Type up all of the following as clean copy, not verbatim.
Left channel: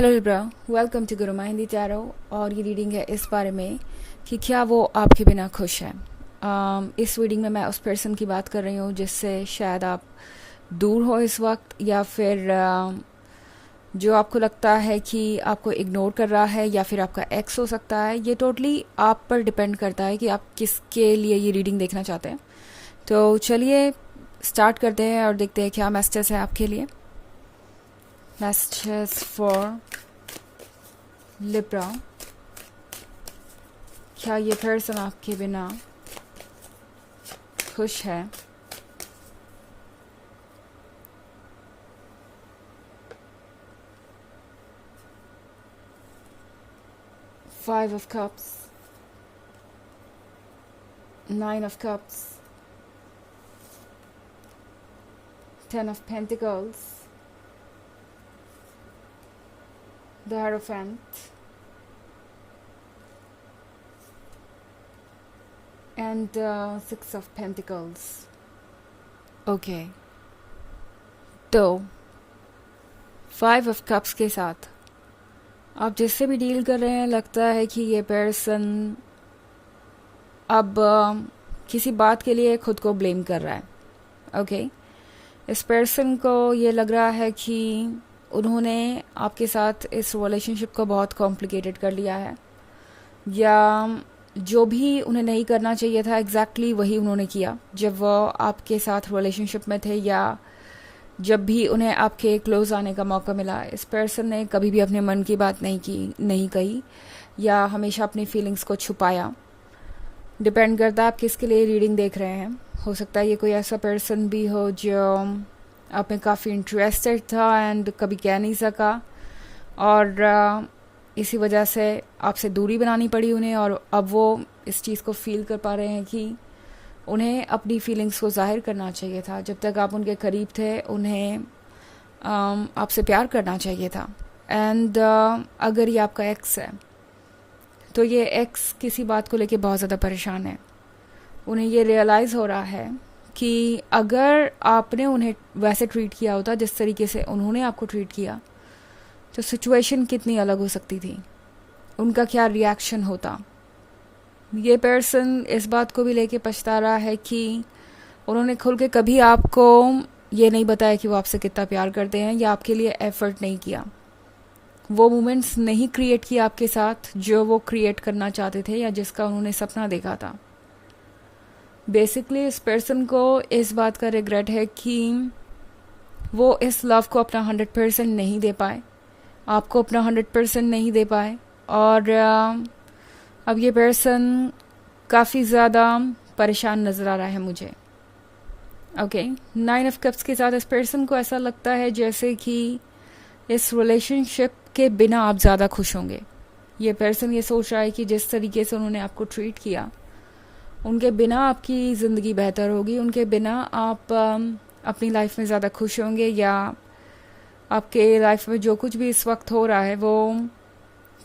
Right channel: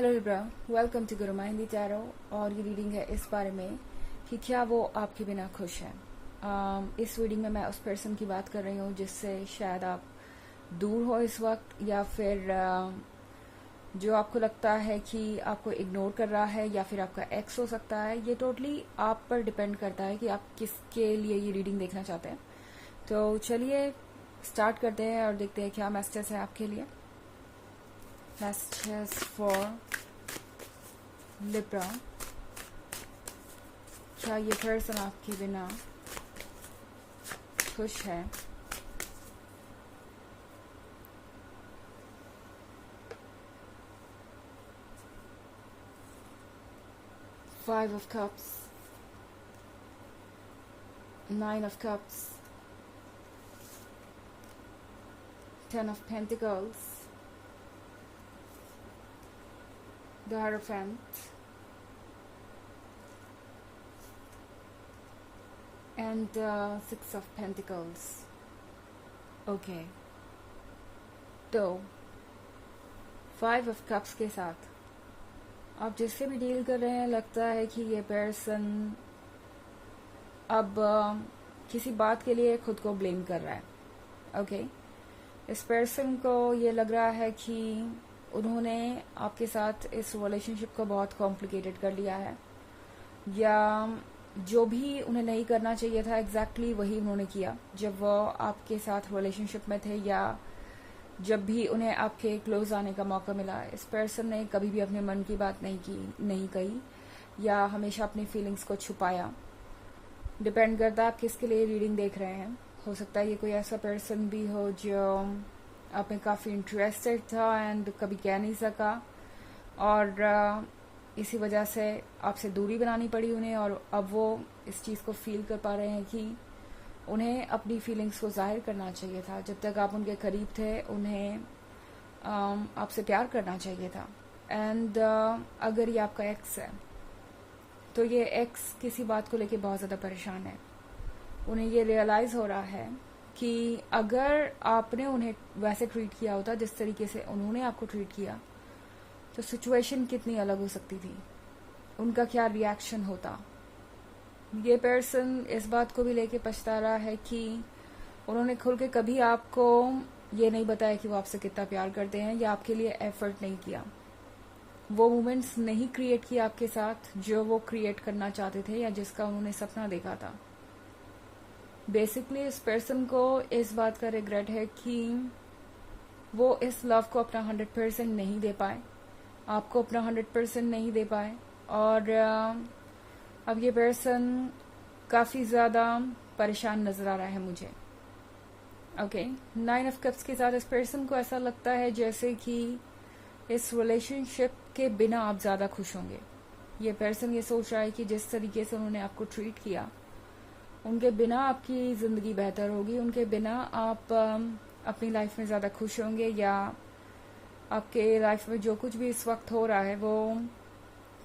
Hello Libra, welcome to Guru Hindi tarot. और ये reading है इस बारे में कि क्या वो आपके बिना खुश है। इस रीडिंग में मैं उस पर्सन की बात कर रही हूँ जिससे शायद आप दूर हो इस वक्त, या फिर जो आपको लगता है कि आपको इग्नोर कर रहा है, या फिर आपका एक्स हो सकता है। ये टोटली आप पर डिपेंड करता है कि आप किसके लिए ये रीडिंग देखना चाहते हैं। तो चलिए स्टार्ट करते हैं और देखते हैं क्या मैसेजेस है आपके लिए। Messages for Libra। क्या ये पर्सन आपके बिना खुश है? Five of Cups, Nine of Cups, Ten of Pentacles, the Hierophant, and Six of Pentacles। Okay, तो फाइव ऑफ कप्स के साथ आप जिससे भी डील कर रहे हैं, लगता है कि ये पर्सन अब किसी बात के लिए खुद को ब्लेम कर रहा है। ओके, इस पर्सन को ये लग रहा है कि उन्होंने आपके साथ इस रिलेशनशिप को बहुत कॉम्प्लिकेटेड कर लिया है, या जो भी उन्हें नहीं करना चाहिए था एग्जैक्टली वही उन्होंने किया जब वो आपके साथ रिलेशनशिप में थे, या जब भी उन्हें आपके क्लोज आने का मौका मिला। इस पर्सन ने कभी भी अपने मन की बात नहीं कही, या हमेशा अपनी फीलिंग्स को छुपाया। डिपेंड करता है आप किसके लिए रीडिंग देख रहे हैं। हो सकता है ये कोई ऐसा पर्सन भी हो जो आप में काफ़ी इंटरेस्टेड था एंड कभी कह नहीं सका, और इसी वजह से आपसे दूरी बनानी पड़ी उन्हें, और अब वो इस चीज़ को फील कर पा रहे हैं कि उन्हें अपनी फीलिंग्स को जाहिर करना चाहिए था। जब तक आप उनके करीब थे उन्हें आपसे प्यार करना चाहिए था। एंड अगर ये आपका एक्स है तो ये एक्स किसी बात को लेके बहुत ज़्यादा परेशान है। उन्हें ये रियलाइज़ हो रहा है कि अगर आपने उन्हें वैसे ट्रीट किया होता जिस तरीके से उन्होंने आपको ट्रीट किया, तो सिचुएशन कितनी अलग हो सकती थी, उनका क्या रिएक्शन होता। ये पर्सन इस बात को भी लेके पछता रहा है कि उन्होंने खुल के कभी आपको ये नहीं बताया कि वो आपसे कितना प्यार करते हैं, या आपके लिए एफर्ट नहीं किया, वो मोमेंट्स नहीं क्रिएट किया आपके साथ जो वो क्रिएट करना चाहते थे या जिसका उन्होंने सपना देखा था। बेसिकली इस पर्सन को इस बात का रिग्रेट है कि वो इस लव को अपना 100% नहीं दे पाए, आपको अपना 100% नहीं दे पाए, और अब ये पर्सन काफ़ी ज़्यादा परेशान नज़र आ रहा है मुझे। ओके, नाइन ऑफ कप्स के साथ इस पर्सन को ऐसा लगता है जैसे कि इस रिलेशनशिप के बिना आप ज़्यादा खुश होंगे। ये पर्सन ये सोच रहा है कि जिस तरीके से उन्होंने आपको ट्रीट किया, उनके बिना आपकी ज़िंदगी बेहतर होगी, उनके बिना आप अपनी लाइफ में ज़्यादा खुश होंगे, या आपके लाइफ में जो कुछ भी इस वक्त हो रहा है वो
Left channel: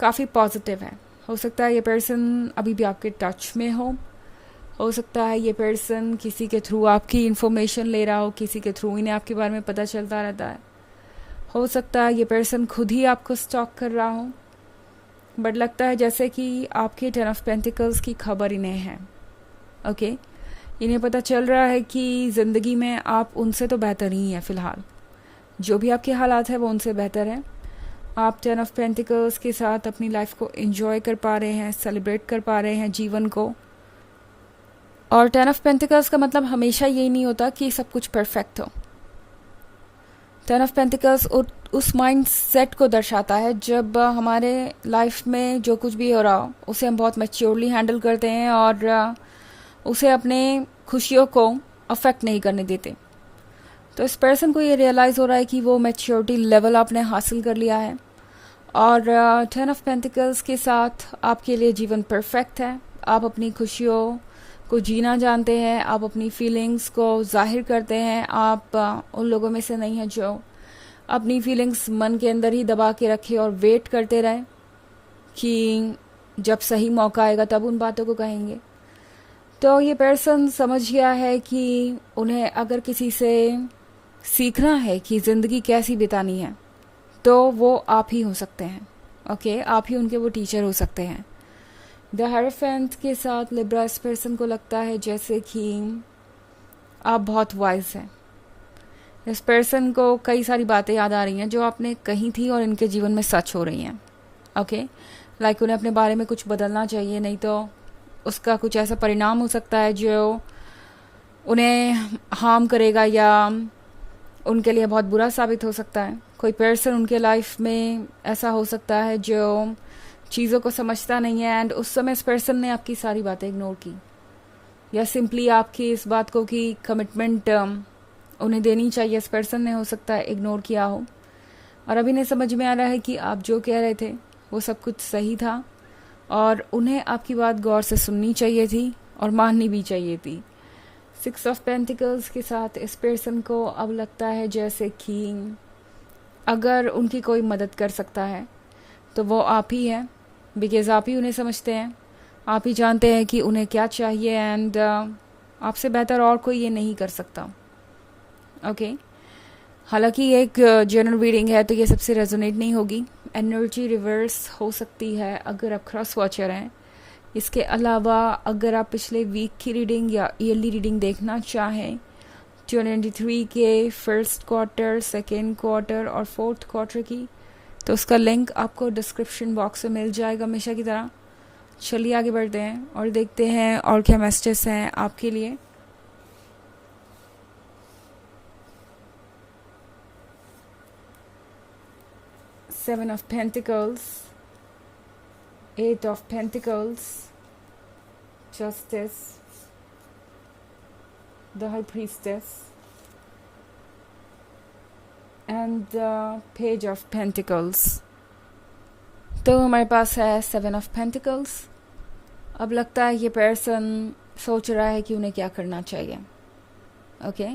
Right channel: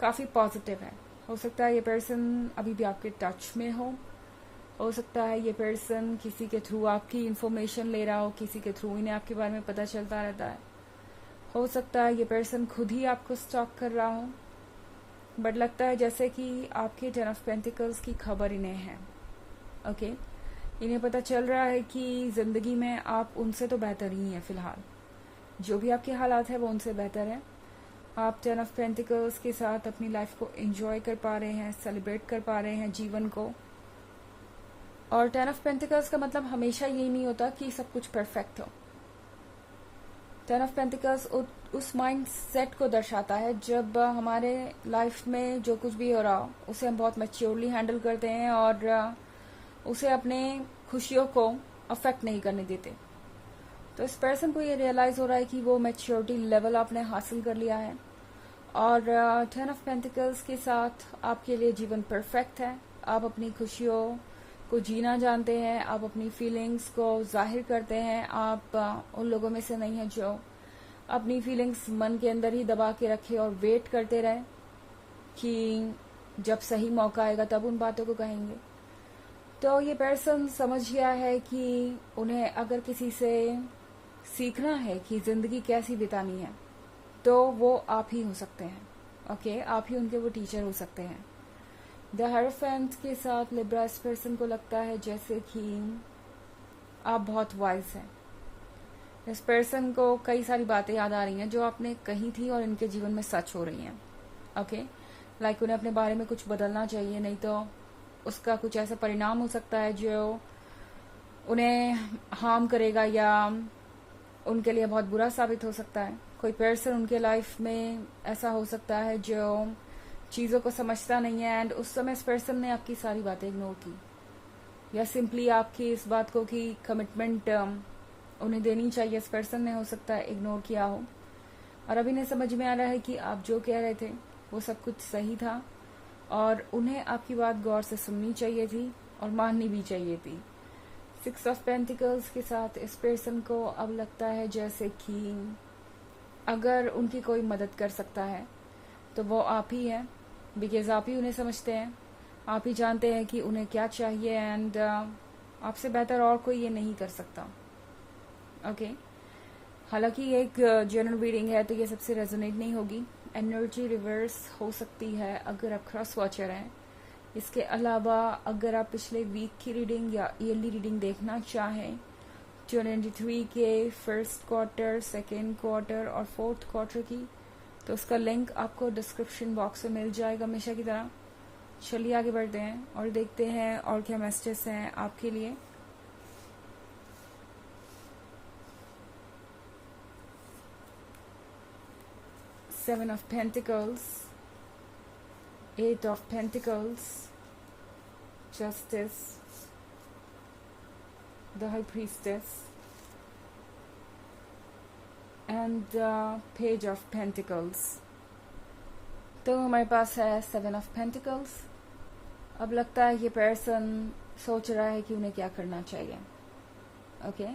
काफ़ी पॉजिटिव है। हो सकता है ये पर्सन अभी भी आपके टच में हो सकता है ये पर्सन किसी के थ्रू आपकी इन्फॉर्मेशन ले रहा हो, किसी के थ्रू इन्हें आपके बारे में पता चलता रहता है। हो सकता है ये पर्सन खुद ही आपको स्टॉक कर रहा हो, बट लगता है जैसे कि आपके 10 ऑफ पेंटिकल्स की खबर इन्हें है। ओके, इन्हें पता चल रहा है कि ज़िंदगी में आप उनसे तो बेहतर ही हैं फ़िलहाल, जो भी आपके हालात हैं वो उनसे बेहतर है। आप 10 ऑफ पेंटिकल्स के साथ अपनी लाइफ को एंजॉय कर पा रहे हैं, सेलिब्रेट कर पा रहे हैं जीवन को। और 10 ऑफ पेंटिकल्स का मतलब हमेशा यही नहीं होता कि सब कुछ परफेक्ट हो। 10 ऑफ पेंटिकल्स उस माइंड सेट को दर्शाता है जब हमारे लाइफ में जो कुछ भी हो रहा हो उसे हम बहुत मैच्योरली हैंडल करते हैं, और उसे अपने खुशियों को अफेक्ट नहीं करने देते। तो इस पर्सन को ये रियलाइज़ हो रहा है कि वो मैच्योरिटी लेवल आपने हासिल कर लिया है, और 10 ऑफ पेंटिकल्स के साथ आपके लिए जीवन परफेक्ट है। आप अपनी खुशियों को जीना जानते हैं, आप अपनी फीलिंग्स को जाहिर करते हैं। आप उन लोगों में से नहीं हैं जो अपनी फीलिंग्स मन के अंदर ही दबा के रखे और वेट करते रहे कि जब सही मौका आएगा तब उन बातों को कहेंगे। तो ये पर्सन समझ गया है कि उन्हें अगर किसी से सीखना है कि ज़िंदगी कैसी बितानी है, तो वो आप ही हो सकते हैं। ओके, आप ही उनके वो टीचर हो सकते हैं। द हेरोफेंट के साथ लिब्रा, इस पर्सन को लगता है जैसे कि आप बहुत वाइज हैं। इस पर्सन को कई सारी बातें याद आ रही हैं जो आपने कही थी और इनके जीवन में सच हो रही हैं। ओके, लाइक उन्हें अपने बारे में कुछ बदलना चाहिए, नहीं तो उसका कुछ ऐसा परिणाम हो सकता है जो उन्हें हार्म करेगा या उनके लिए बहुत बुरा साबित हो सकता है। कोई पर्सन उनके लाइफ में ऐसा हो सकता है जो चीज़ों को समझता नहीं है एंड उस समय इस पर्सन ने आपकी सारी बातें इग्नोर की, या सिंपली आपकी इस बात को कि कमिटमेंट उन्हें देनी चाहिए, इस पर्सन ने हो सकता है इग्नोर किया हो। और अभी नहीं समझ में आ रहा है कि आप जो कह रहे थे वो सब कुछ सही था और उन्हें आपकी बात गौर से सुननी चाहिए थी और माननी भी चाहिए थी। 6 ऑफ पेंटिकल्स के साथ इस पर्सन को अब लगता है जैसे कि अगर उनकी कोई मदद कर सकता है तो वो आप ही हैं, बिकॉज आप ही उन्हें समझते हैं, आप ही जानते हैं कि उन्हें क्या चाहिए एंड आपसे बेहतर और कोई ये नहीं कर सकता। ओके, हालांकि ये एक जनरल रीडिंग है तो ये सबसे रेजोनेट नहीं होगी। एनर्जी रिवर्स हो सकती है अगर आप क्रॉस वॉचर हैं। इसके अलावा अगर आप पिछले वीक की रीडिंग या ईयरली रीडिंग देखना चाहें 2023 के फर्स्ट क्वार्टर, सेकेंड क्वार्टर और फोर्थ क्वार्टर की, तो उसका लिंक आपको डिस्क्रिप्शन बॉक्स में मिल जाएगा हमेशा की तरह। चलिए आगे बढ़ते हैं और देखते हैं और क्या मैसेजेस हैं आपके लिए। Seven of Pentacles, Eight of Pentacles, Justice, the High Priestess, and the Page of Pentacles. तो हमारे पास है 7 of Pentacles। अब लगता है ये पर्सन सोच रहा है कि उन्हें क्या करना चाहिए। ओके,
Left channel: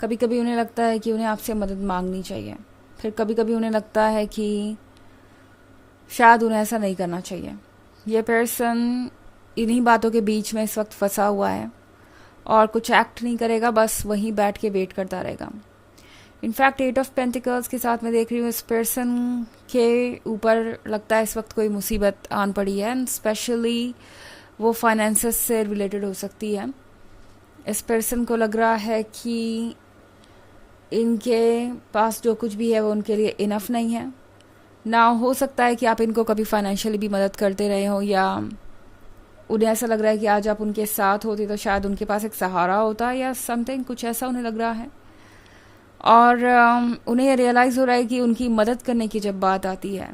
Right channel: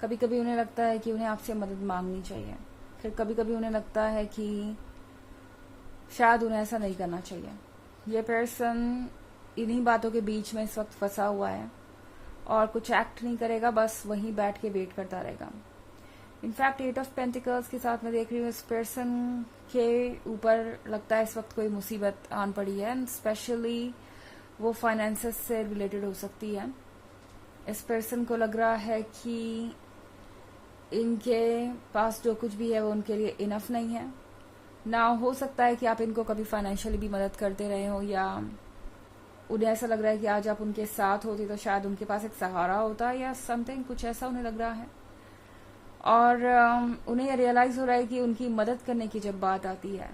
कभी कभी उन्हें लगता है कि उन्हें आपसे मदद मांगनी चाहिए, फिर कभी कभी उन्हें लगता है कि शायद उन्हें ऐसा नहीं करना चाहिए। ये पर्सन इन्हीं बातों के बीच में इस वक्त फंसा हुआ है और कुछ एक्ट नहीं करेगा, बस वहीं बैठ के वेट करता रहेगा। इनफैक्ट 8 ऑफ पेंटिकल्स के साथ मैं देख रही हूँ इस पर्सन के ऊपर लगता है इस वक्त कोई मुसीबत आन पड़ी है एंड स्पेशली वो फाइनेंसेस से रिलेटेड हो सकती है। इस पर्सन को लग रहा है कि इनके पास जो कुछ भी है वो उनके लिए इनफ नहीं है ना। हो सकता है कि आप इनको कभी फाइनेंशियली भी मदद करते रहे हो या उन्हें ऐसा लग रहा है कि आज आप उनके साथ होते तो शायद उनके पास एक सहारा होता या समथिंग, कुछ ऐसा उन्हें लग रहा है। और उन्हें ये रियलाइज़ हो रहा है कि उनकी मदद करने की जब बात आती है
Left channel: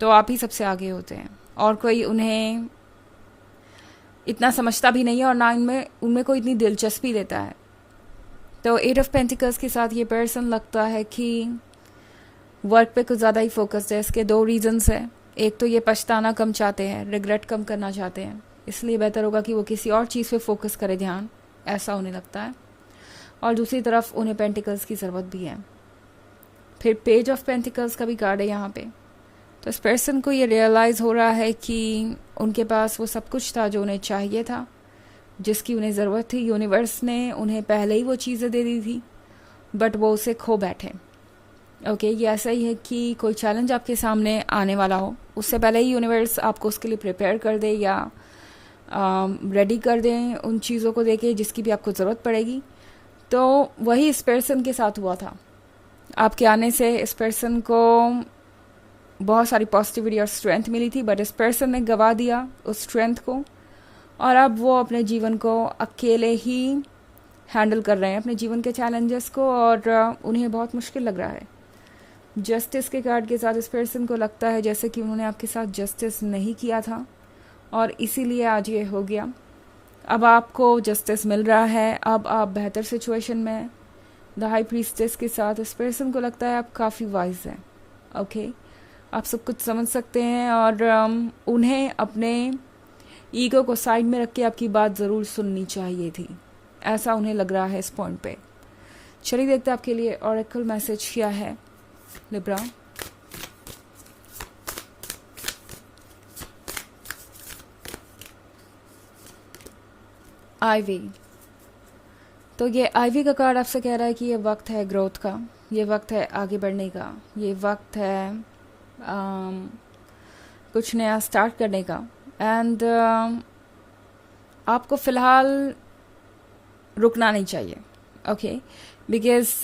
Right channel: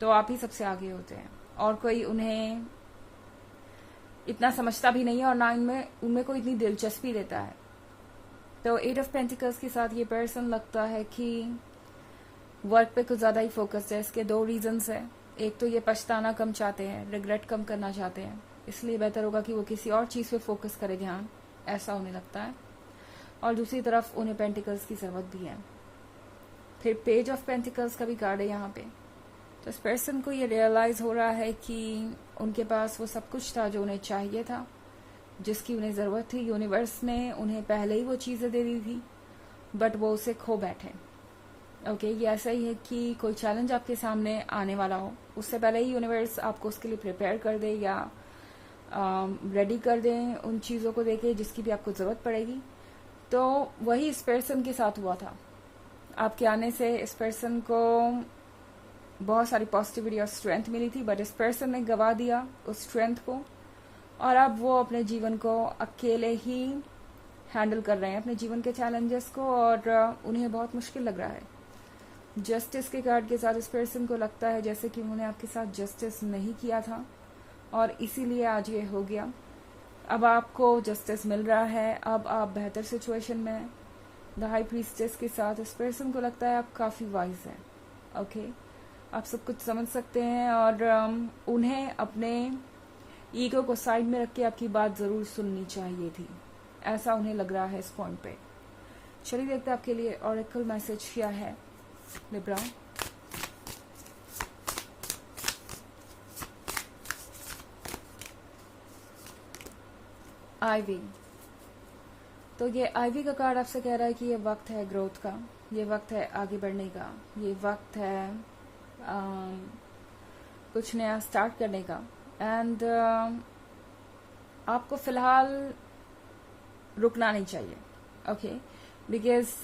तो आप ही सबसे आगे होते हैं और कोई उन्हें इतना समझता भी नहीं है और ना उनमें कोई इतनी दिलचस्पी लेता है। तो 8 ऑफ पेंटिकल्स के साथ ये पर्सन लगता है कि वर्क पे कुछ ज़्यादा ही फोकस्ड है। इसके 2 रीजंस है। एक तो ये पछताना कम चाहते हैं, रिग्रेट कम करना चाहते हैं, इसलिए बेहतर होगा कि वो किसी और चीज़ पे फोकस करे ध्यान, ऐसा उन्हें लगता है। और दूसरी तरफ उन्हें पेंटिकल्स की ज़रूरत भी है। फिर पेज ऑफ पेंटिकल्स का भी कार्ड है यहाँ पे। तो इस पर्सन को ये रियलाइज़ हो रहा है कि उनके पास वो सब कुछ था जो उन्हें चाहिए था, जिसकी उन्हें ज़रूरत थी। यूनिवर्स ने उन्हें पहले ही वो चीज़ें दे दी थी बट वो उसे खो बैठे। ओके, ये ऐसा ही है कि कोई चैलेंज आपके सामने आने वाला हो, उससे पहले ही यूनिवर्स आपको उसके लिए प्रिपेयर कर दे या रेडी कर दें उन चीज़ों को देके जिसकी भी आपको ज़रूरत पड़ेगी। तो वही इस पर्सन के साथ हुआ था। आपके आने से इस पर्सन को बहुत सारी पॉजिटिविटी और स्ट्रेंथ मिली थी बट इस पर्सन ने गवा दिया उस स्ट्रेंथ को और अब वो अपने जीवन को अकेले ही हैंडल कर रहे हैं, अपने जीवन के चैलेंजेस को, और उन्हें बहुत मुश्किल लग रहा है। जस्टिस के कार्ड के साथ इस पर्सन को लगता है जैसे कि उन्होंने आपके साथ जस्टिस नहीं किया था और इसीलिए आज ये हो गया। अब आपको जस्टिस मिल रहा है, अब आप बेहतर सिचुएशन में हैं। द हाई प्रीस्टेस के साथ इस पर्सन को लगता है आप काफ़ी वाइज हैं। ओके, आप सब कुछ समझ सकते हैं और उन्हें अपने ईगो को साइड में रख के आपकी बात ज़रूर सुननी चाहिए थी, ऐसा उन्हें लग रहा है इस पॉइंट पे। चलिए देखते हैं आपके लिए ऑरेकल मैसेज क्या है लिब्रा। आईवी, तो ये आईवी का कार्ड आपसे कह रहा है कि ये वक्त है ग्रोथ का, ये वक्त है आगे बढ़ने का, ये वक्त है कुछ नया स्टार्ट करने का। एंड आपको फ़िलहाल रुकना नहीं चाहिए, ओके, बिकॉज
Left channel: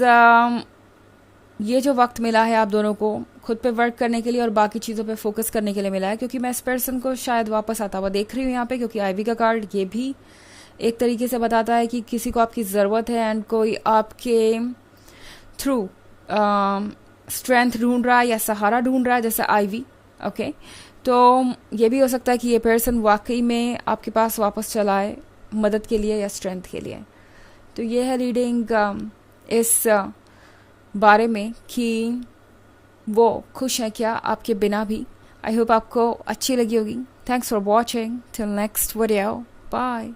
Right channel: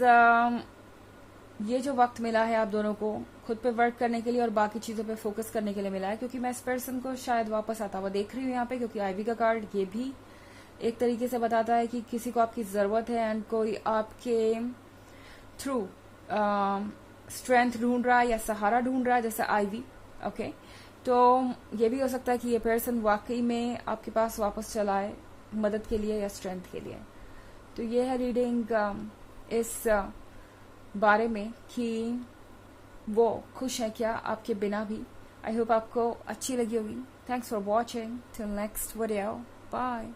ये जो वक्त मिला है आप दोनों को खुद पे वर्क करने के लिए और बाकी चीज़ों पे फोकस करने के लिए मिला है, क्योंकि मैं इस पर्सन को शायद वापस आता हुआ देख रही हूँ यहाँ पे, क्योंकि आईवी का कार्ड ये भी एक तरीके से बताता है कि किसी को आपकी ज़रूरत है एंड कोई आपके थ्रू स्ट्रेंथ ढूंढ रहा है या सहारा ढूंढ रहा है, जैसे आईवी, ओके। तो ये भी हो सकता है कि ये पर्सन वाकई में आपके पास वापस चला है मदद के लिए या स्ट्रेंथ के लिए। तो ये है रीडिंग इस बारे में कि वो खुश हैं क्या आपके बिना भी। आई होप आपको अच्छी लगी होगी। Thanks for watching, till next video, bye.